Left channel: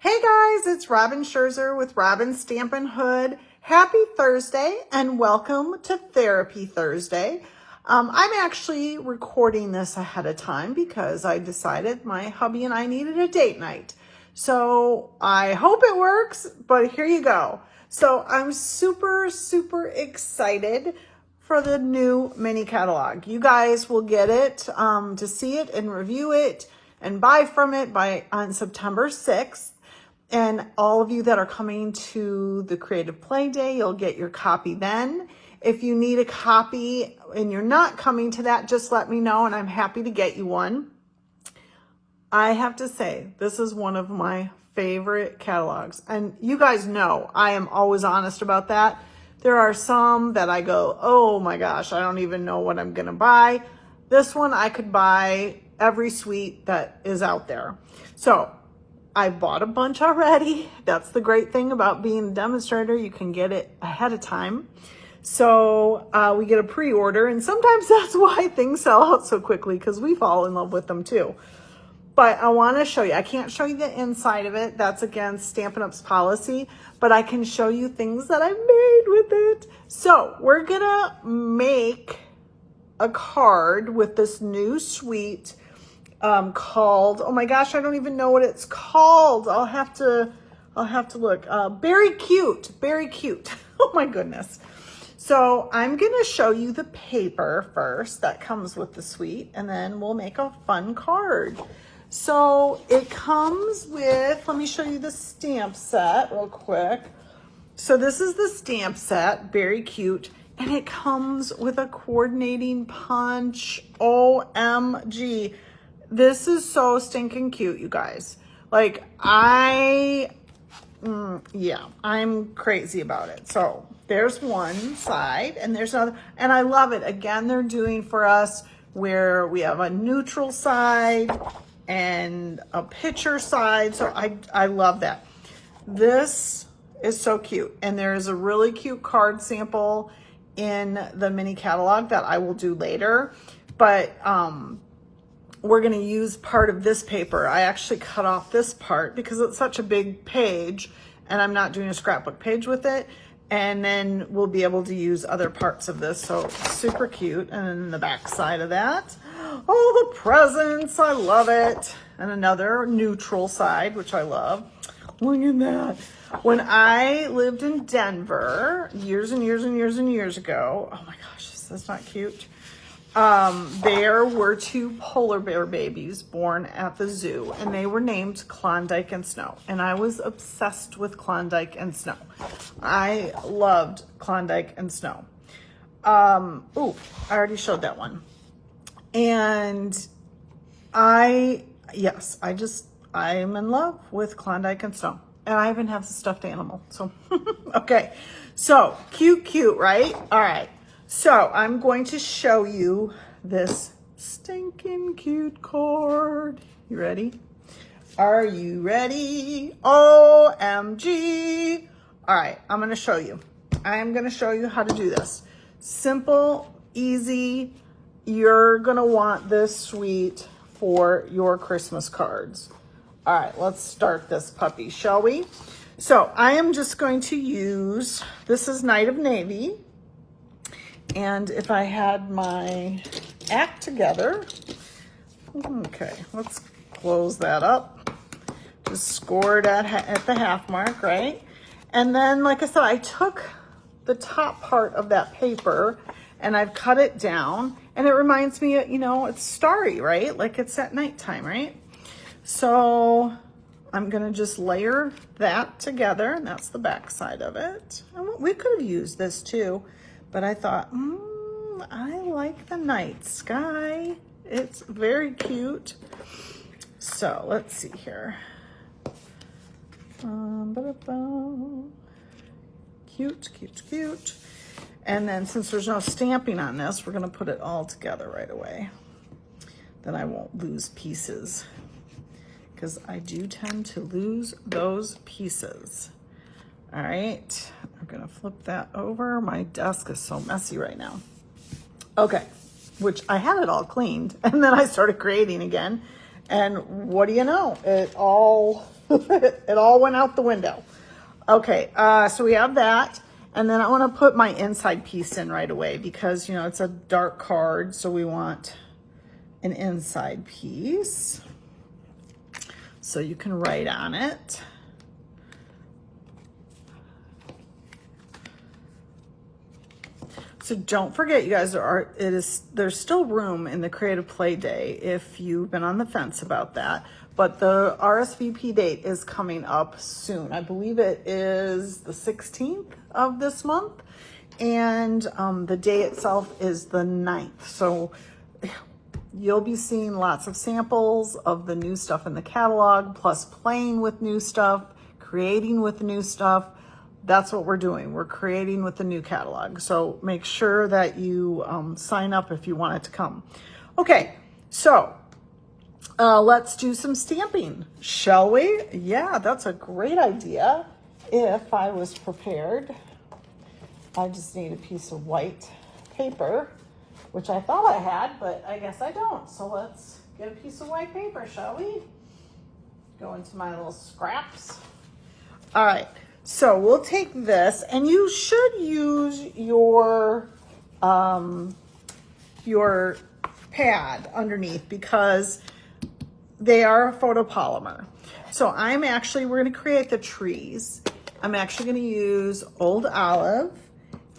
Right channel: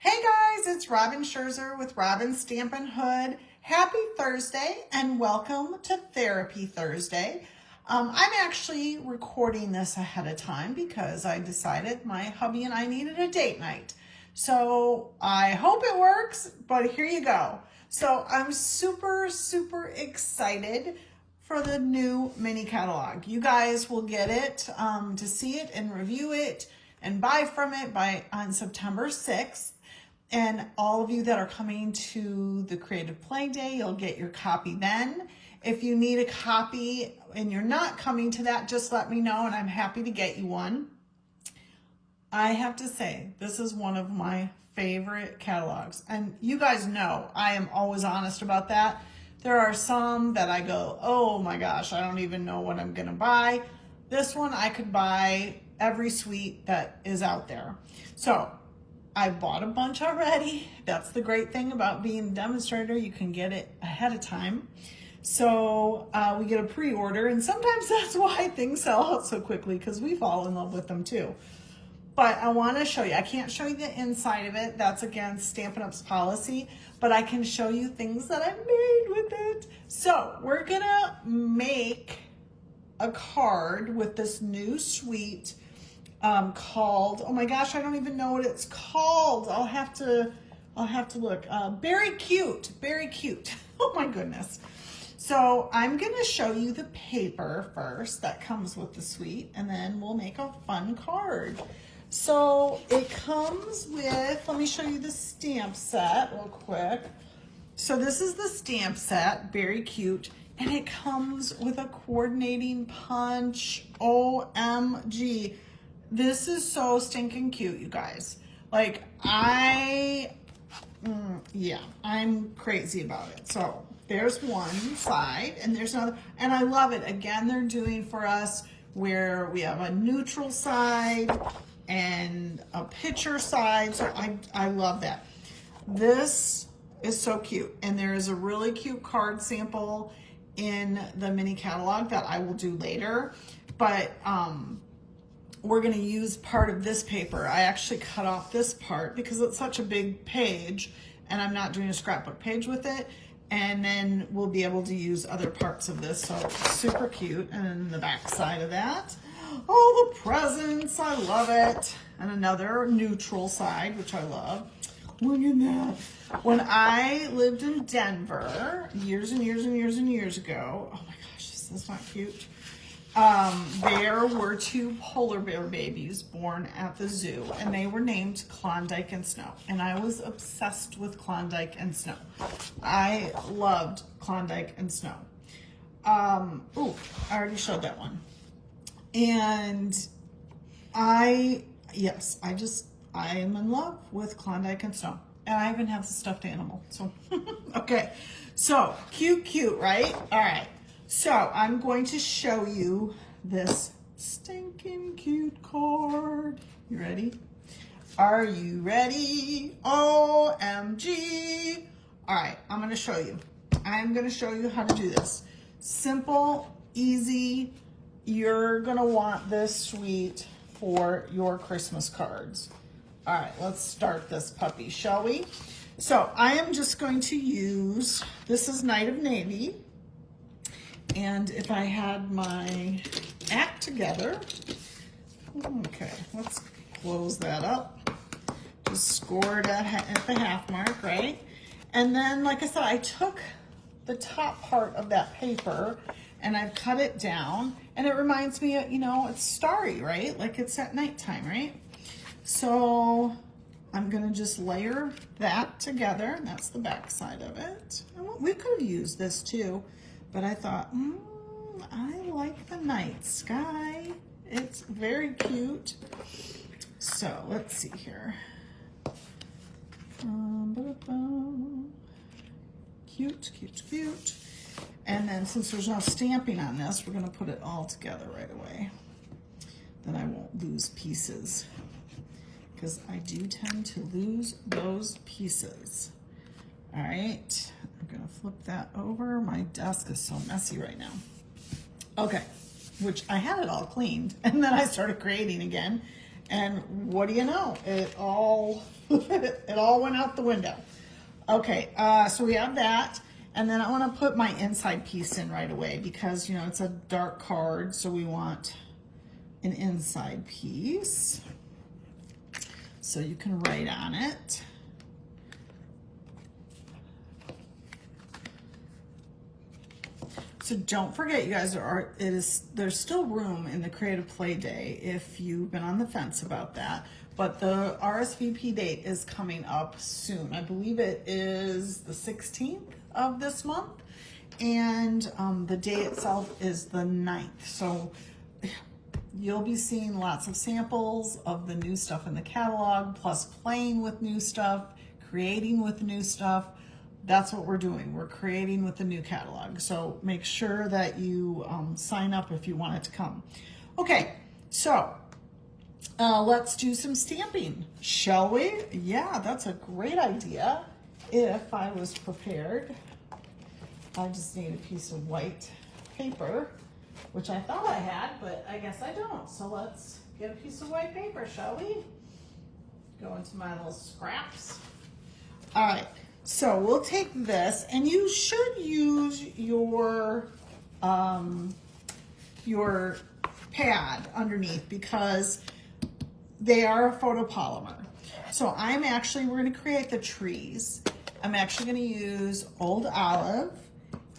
Hey guys, it's Robin Scherzer with Robin Stampin' Hood. Happy Thursday and welcome to Therapy Thursday. I'm actually recording this ahead of time because I decided my hubby and I needed a date night. So I hope it works, but here you go. So I'm super excited for the new mini catalog. You guys will get it to see it and review it and buy from it on September 6th. And all of you that are coming to the Creative Play Day, you'll get your copy then. If you need a copy and you're not coming to that, just let me know and I'm happy to get you one. I have to say, this is one of my favorite catalogs. And you guys know I am always honest about that. There are some that I go, oh my gosh, I don't even know what I'm gonna buy. This one I could buy every suite that is out there. So I bought a bunch already. That's the great thing about being a demonstrator. You can get it ahead of time. So we get a pre-order, and sometimes that's why things sell out so quickly because we fall in love with them too. But I want to show you. I can't show you the inside of it. That's against Stampin' Up's policy, but I can show you things that I've made with it. So we're gonna make a card with this new suite called, oh my gosh, I don't even know what it's called. I'll have to look. Beary Cute. Oh my goodness. So I'm gonna show you the paper first that comes with the suite, and then we'll make a fun card. So it comes with, let me show you the stamp set real quick. So this is the stamp set, Beary Cute, and it comes with a coordinating punch. OMG. This is so stinking cute, you guys. Like, I'm crazy about it. So there's one side and there's another, and I love it. Again, they're doing for us where we have a neutral side and a picture side. So I love that. This is so cute. And there is a really cute card sample in the mini catalog that I will do later. But, we're going to use part of this paper. I actually cut off this part because it's such a big page and I'm not doing a scrapbook page with it. And then we'll be able to use other parts of this. So super cute. And then the back side of that, oh, the presents, I love it. And another neutral side, which I love. Look at that. When I lived in Denver years and years ago, oh my gosh, that's not cute. There were two polar bear babies born at the zoo, and they were named Klondike and Snow. And I was obsessed with Klondike and Snow. I loved Klondike and Snow. I already showed that one. And I am in love with Klondike and Snow. And I even have the stuffed animal. So, okay. So, cute, right? All right. So I'm going to show you this stinking cute card. You ready? Are you ready? OMG. All right, I'm going to show you. I am going to show you how to do this. Simple, easy. You're going to want this suite for your Christmas cards. All right, let's start this puppy, shall we? So I am just going to use, this is Night of Navy. And if I had my act together, okay, let's close that up. Just score it at the half mark, right? And then, like I said, I took the top part of that paper and I've cut it down. And it reminds me, it's starry, right? Like it's at nighttime, right? So I'm gonna just layer that together, and that's the back side of it. We could have used this too. But I thought, I like the night sky. It's very cute. So let's see here. Cute. And then since there's no stamping on this, we're gonna put it all together right away. Then I won't lose pieces because I do tend to lose those pieces. All right, I'm gonna flip that over. My desk is so messy right now. Okay, which I had it all cleaned and then I started creating again. And what do you know? It all, it all went out the window. Okay, so we have that. And then I want to put my inside piece in right away because, you know, it's a dark card. So we want an inside piece. So you can write on it. So don't forget, you guys, there's still room in the Creative Play Day if you've been on the fence about that. But the RSVP date is coming up soon. I believe it is the 16th of this month. And the day itself is the 9th. So you'll be seeing lots of samples of the new stuff in the catalog, plus playing with new stuff, creating with new stuff. That's what we're doing. We're creating with the new catalog. So make sure that you sign up if you want it to come. Okay, so let's do some stamping, shall we? Yeah, that's a great idea. If I was prepared, I just need a piece of white paper, which I thought I had, but I guess I don't. So let's get a piece of white paper, shall we? Go into my little scraps. All right. So we'll take this, and you should use your pad underneath because they are a photopolymer. So we're gonna create the trees. I'm actually gonna use Old Olive,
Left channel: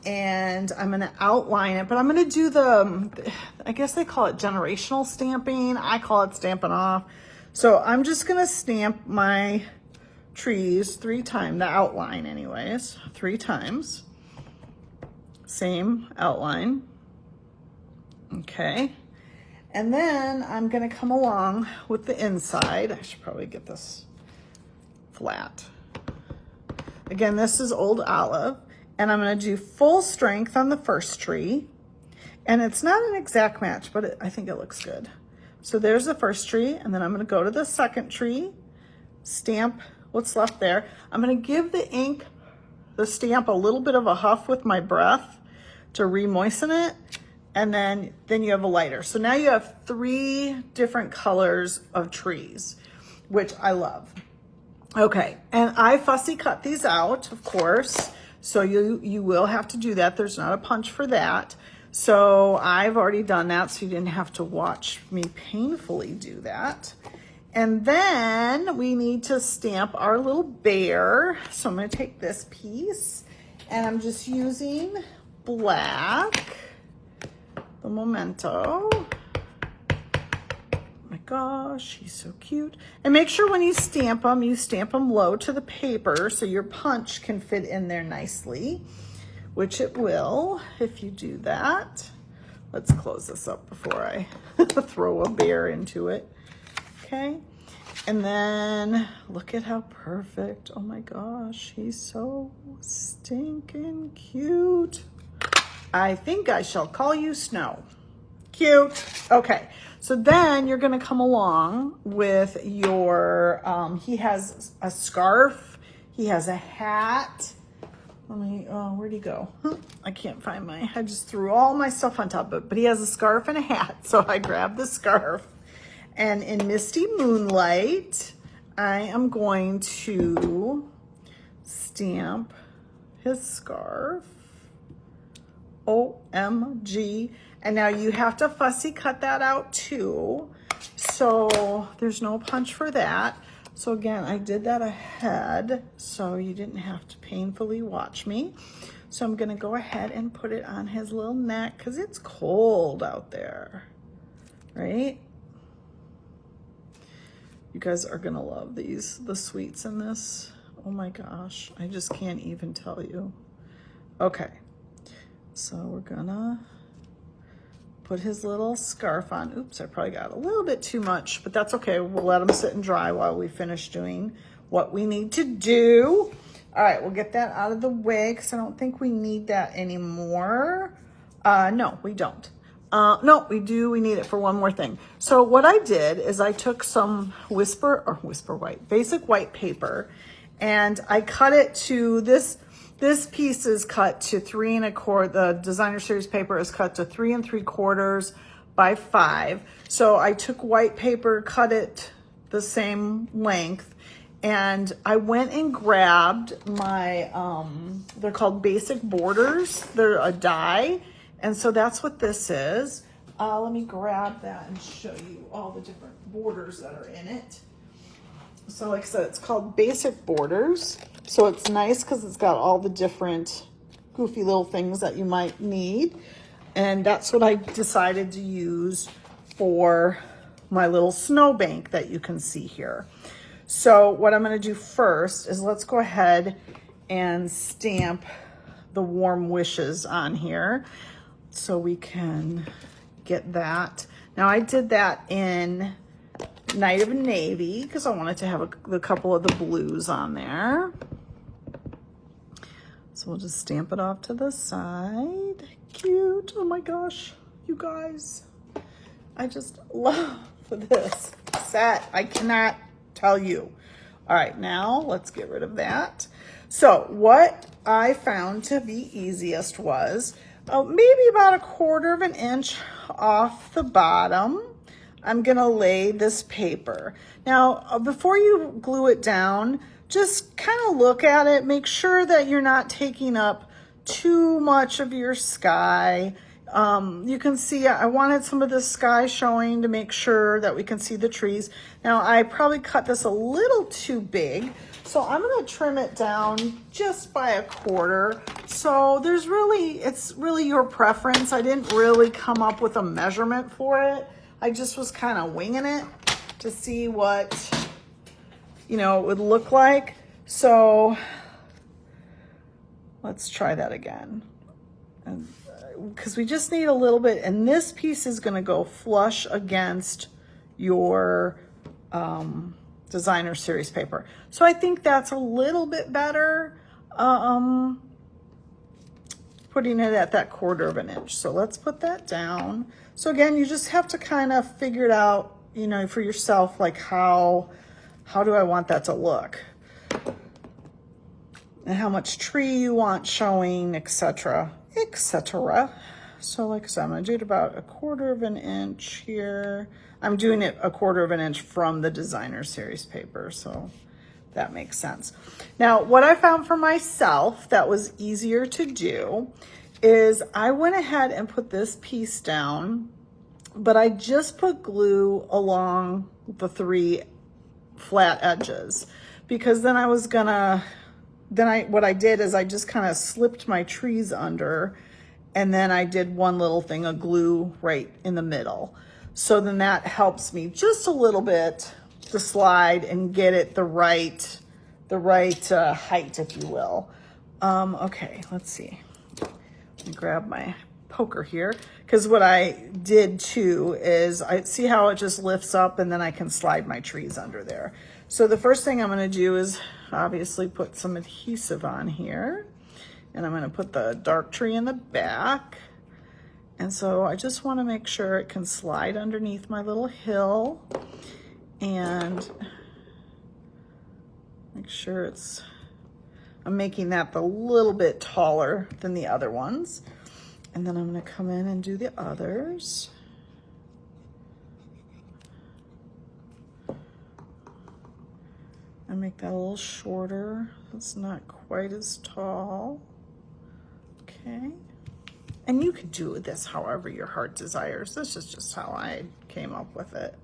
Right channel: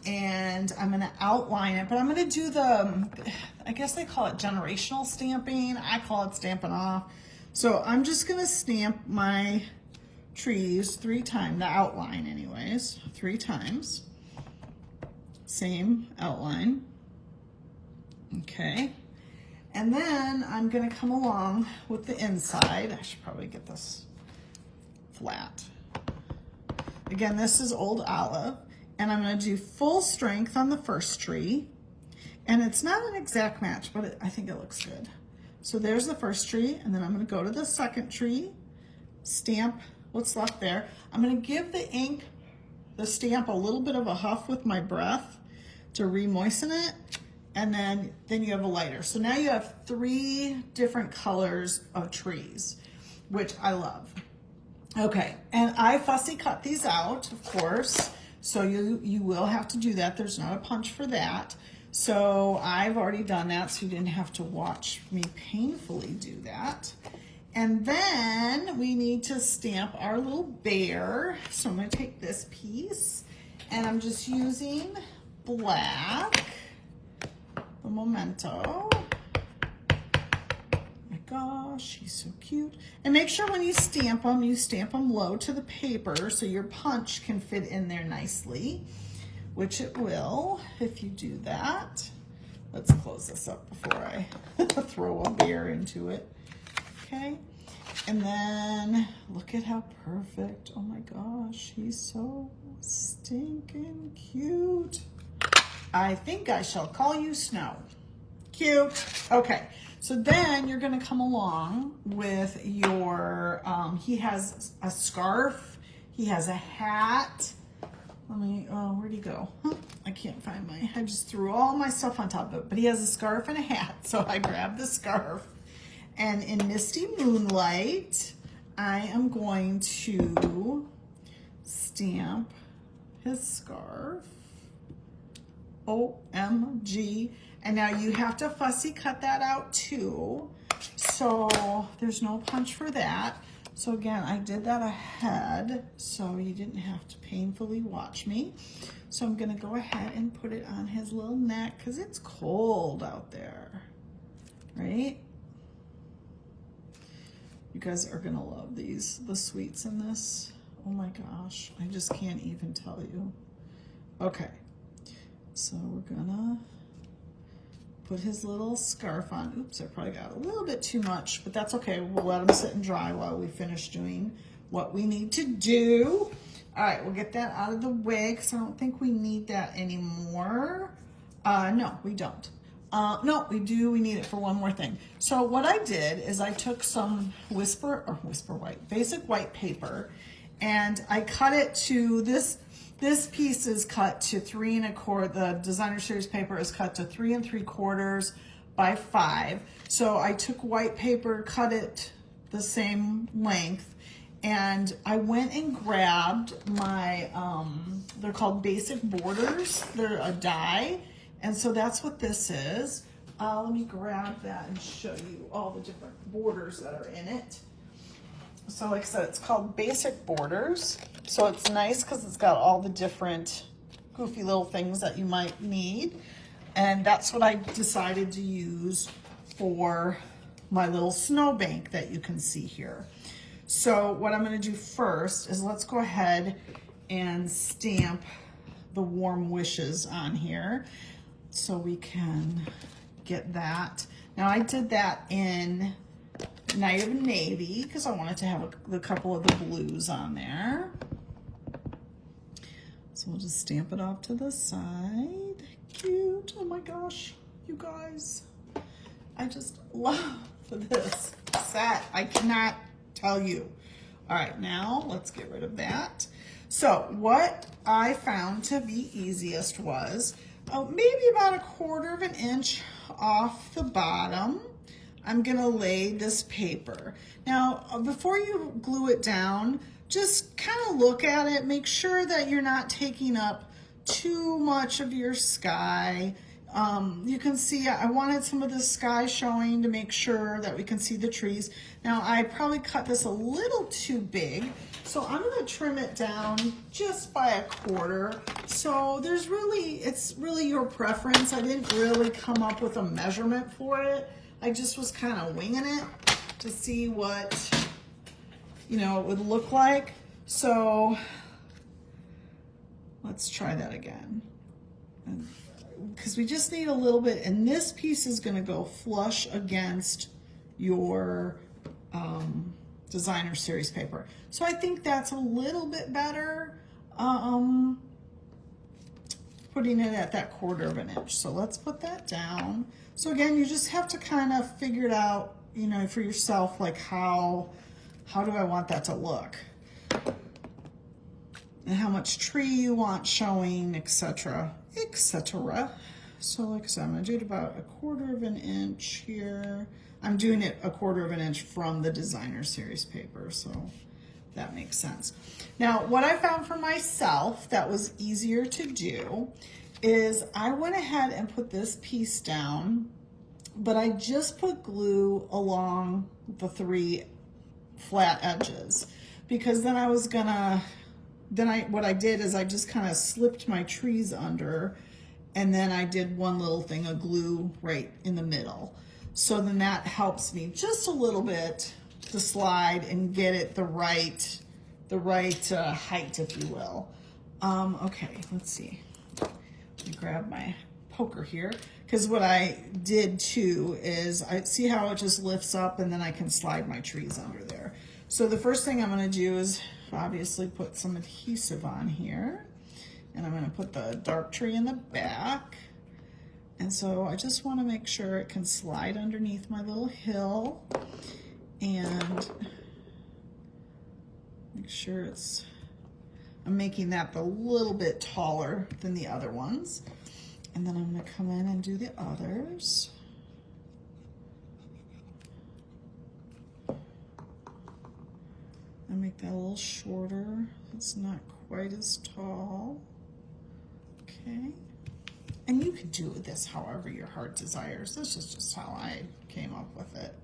and I'm gonna outline it, but I'm gonna do I guess they call it generational stamping. I call it Stampin' Off. So I'm just gonna stamp my trees 3 times, the outline anyways, 3 times. Same outline. Okay. And then I'm gonna come along with the inside. I should probably get this flat. Again, this is Old Olive, and I'm gonna do full strength on the first tree. And it's not an exact match, but I think it looks good. So there's the first tree, and then I'm gonna go to the second tree, stamp what's left there. I'm gonna give the stamp a little bit of a huff with my breath to re-moisten it, and then you have a lighter. So now you have 3 different colors of trees, which I love. Okay, and I fussy cut these out, of course, so you will have to do that. There's not a punch for that. So I've already done that, so you didn't have to watch me painfully do that. And then we need to stamp our little bear. So I'm gonna take this piece, and I'm just using black, the Memento. Oh my gosh, he's so cute. And make sure when you stamp them low to the paper so your punch can fit in there nicely, which it will if you do that. Let's close this up before I throw a bear into it. Okay, and then look at how perfect. Oh my gosh, he's so stinking cute. I think I shall call you Snow. Cute. Okay, so then you're gonna come along with your, he has a scarf, he has a hat. Where'd he go? I can't find I just threw all my stuff on top of it, but he has a scarf and a hat. So I grabbed the scarf. And in Misty Moonlight, I am going to stamp his scarf. OMG. And now you have to fussy cut that out too. So there's no punch for that. So again, I did that ahead, so you didn't have to painfully watch me. So I'm gonna go ahead and put it on his little neck because it's cold out there, right? You guys are gonna love the sweets in this. Oh my gosh, I just can't even tell you. Okay, so we're gonna put his little scarf on. Oops, I probably got a little bit too much, but that's okay. We'll let him sit and dry while we finish doing what we need to do. All right, we'll get that out of the way because I don't think we need that anymore. No, we don't. No, we do. We need it for one more thing. So what I did is I took some basic white paper, and I cut it to this piece is cut to 3 1/4. The designer series paper is cut to 3 3/4 by 5. So I took white paper, cut it the same length, and I went and grabbed my, they're called basic borders. They're a die, and so that's what this is. Let me grab that and show you all the different borders that are in it. So like I said, it's called basic borders. So it's nice because it's got all the different goofy little things that you might need. And that's what I decided to use for my little snowbank that you can see here. So what I'm going to do first is let's go ahead and stamp the warm wishes on here so we can get that. Now I did that in Night of Navy because I wanted to have a couple of the blues on there. So we'll just stamp it off to the side. Cute. Oh my gosh, you guys. I just love this set. I cannot tell you. All right, now let's get rid of that. So what I found to be easiest was maybe about 1/4 of an inch off the bottom. I'm gonna lay this paper. Now, before you glue it down, just kind of look at it, make sure that you're not taking up too much of your sky. You can see I wanted some of the sky showing to make sure that we can see the trees. Now I probably cut this a little too big, so I'm gonna trim it down just by 1/4. So it's really your preference. I didn't really come up with a measurement for it. I just was kind of winging it to see what, it would look like. So let's try that again. Because we just need a little bit, and this piece is going to go flush against your designer series paper. So I think that's a little bit better, putting it at that 1/4 of an inch. So let's put that down. So again, you just have to kind of figure it out, for yourself, like how do I want that to look? And how much tree you want showing, etc., etc. So like I said, I'm gonna do it about 1/4 of an inch here. I'm doing it 1/4 of an inch from the designer series paper, so that makes sense. Now, what I found for myself that was easier to do is I went ahead and put this piece down, but I just put glue along the 3 flat edges, because then what I did is I just kind of slipped my trees under, and then I did one little thing of glue right in the middle. So then that helps me just a little bit to slide and get it the right height, if you will. Okay, let's see. Let me grab my poker here, because what I did too is I see how it just lifts up, and then I can slide my trees under there. So the first thing I'm going to do is obviously put some adhesive on here, and I'm going to put the dark tree in the back. And so I just want to make sure it can slide underneath my little hill, and make sure I'm making that a little bit taller than the other ones. And then I'm going to come in and do the others. And make that a little shorter. It's not quite as tall. Okay. And you could do this however your heart desires. This is just how I came up with it.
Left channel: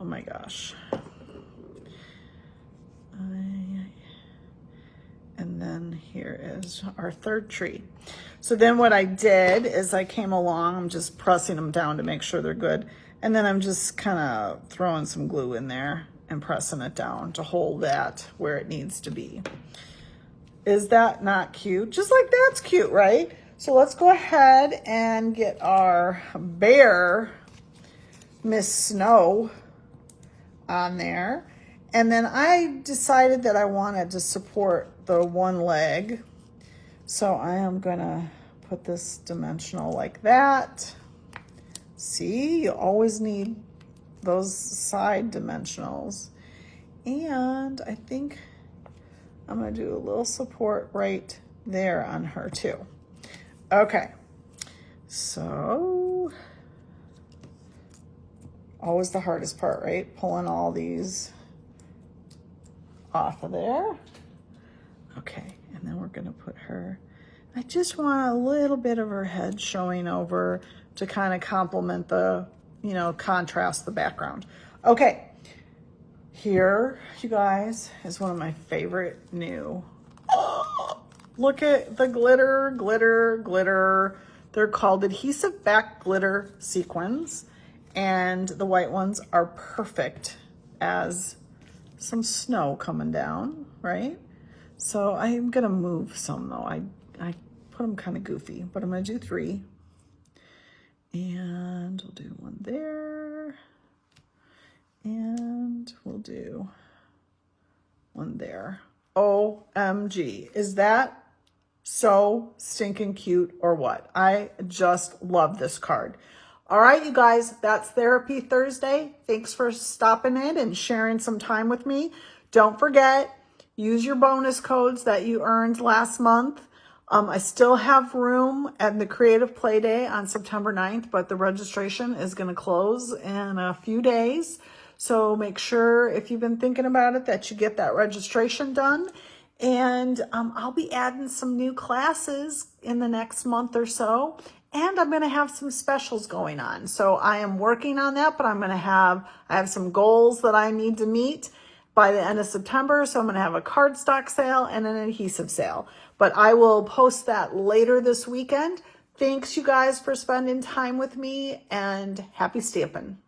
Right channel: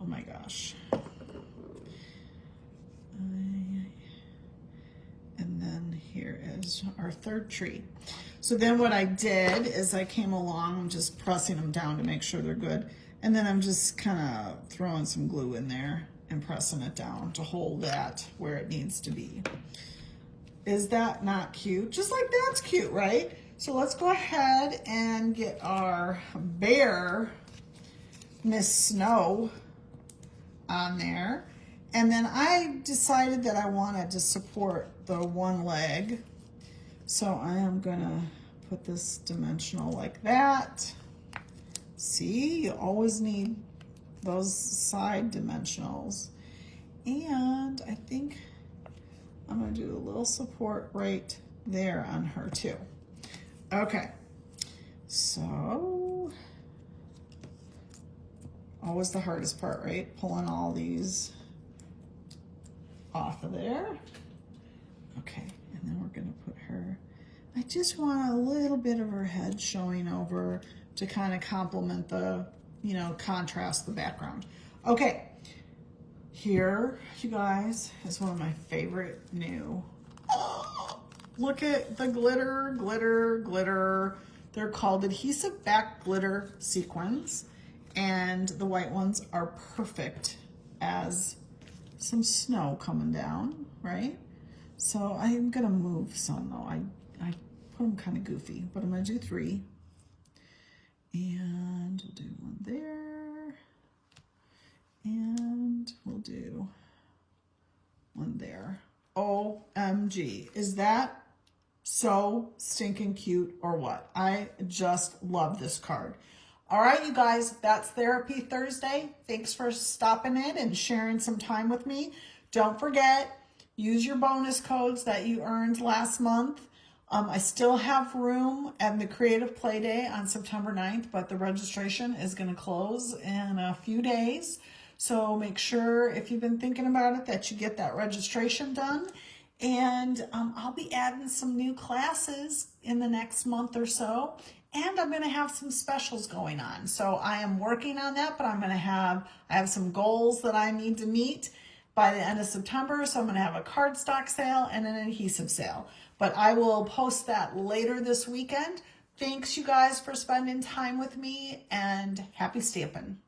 Oh my gosh. And then here is our 3rd tree. So then what I did is I came along, I'm just pressing them down to make sure they're good. And then I'm just kind of throwing some glue in there and pressing it down to hold that where it needs to be. Is that not cute? Just like that's cute, right? So let's go ahead and get our bear, Miss Snow, on there. And then I decided that I wanted to support the one leg. So I am gonna put this dimensional like that. See, you always need those side dimensionals. And I think I'm gonna do a little support right there on her too. Okay, so Always the hardest part, right? Pulling all these off of there. Okay, and then we're gonna put her, I just want a little bit of her head showing over to kind of complement the, you know, contrast the background. Okay, here, you guys, is one of my favorite new, oh, look at the glitter, glitter, glitter. They're called adhesive back glitter sequins, and the white ones are perfect as some snow coming down, right? So I'm gonna move some though. I put them kind of goofy, but I'm gonna do 3. And we'll do one there. And we'll do one there. OMG, is that so stinking cute or what? I just love this card. All right, you guys, that's Therapy Thursday. Thanks for stopping in and sharing some time with me. Don't forget, use your bonus codes that you earned last month. I still have room at the Creative Play Day on September 9th, but the registration is going to close in a few days. So make sure, if you've been thinking about it, that you get that registration done. And I'll be adding some new classes in the next month or so. And I'm going to have some specials going on. So I am working on that, but I have some goals that I need to meet by the end of September. So I'm going to have a cardstock sale and an adhesive sale. But I will post that later this weekend. Thanks, you guys, for spending time with me, and happy stamping.